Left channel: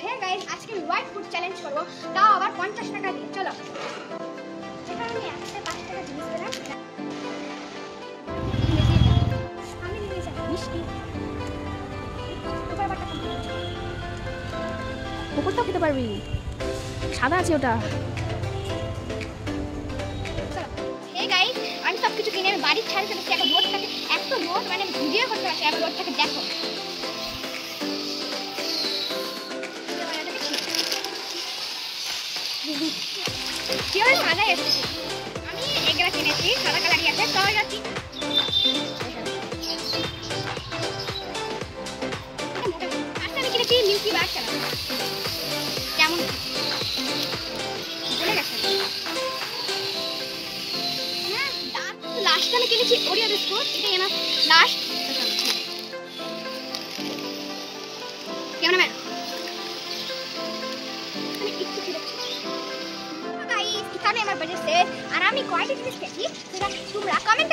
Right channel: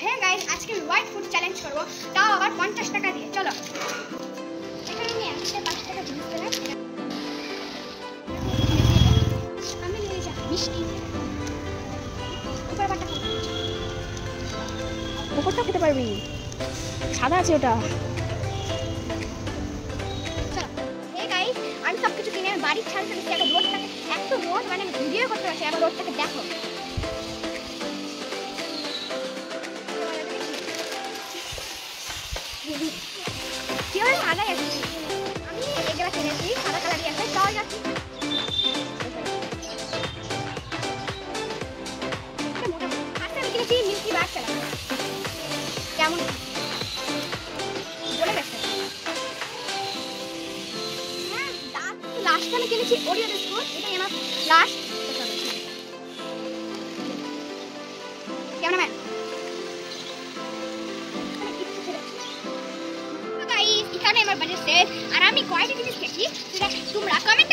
Hey guys, আজকে আমি white food challenge করব, তাও আবার 50 টাকা দিয়ে। চলো, এখানে আমি একটা 5 টাকা জিনিস পেলাম। আমি নিয়ে যাব মিষ্টি, উপরটা খেতে পারবি, সাদা আছে ওটা। চলো হে গাইস, আমি সব কিছু কিনে আমি বাড়ির ছাড়ে চলেছি। এখন রোডটাকে এত রোড, মানে আমি ভিডিও করতে পারছি। আবার রোডটাকে দেখো, কিভাবে সাদা এসেছি। আমি এগুলা কিনেছি, সাদা কালারই আছে। তো যাচ্ছি, আমি কিনেছি মিল্কি বার। চালাবো কেমন বলে গেছে। হ্যাঁ, লাস্টে আমি কিনেছি ওরিও বিস্কুট, এটাই আমার লাস্ট। ক্যামেরাম্যান এখানে আমার বাজেট শেষ। আর আমি কয়টা জিনিস খেয়েছি সেটা তোমরা কমেন্ট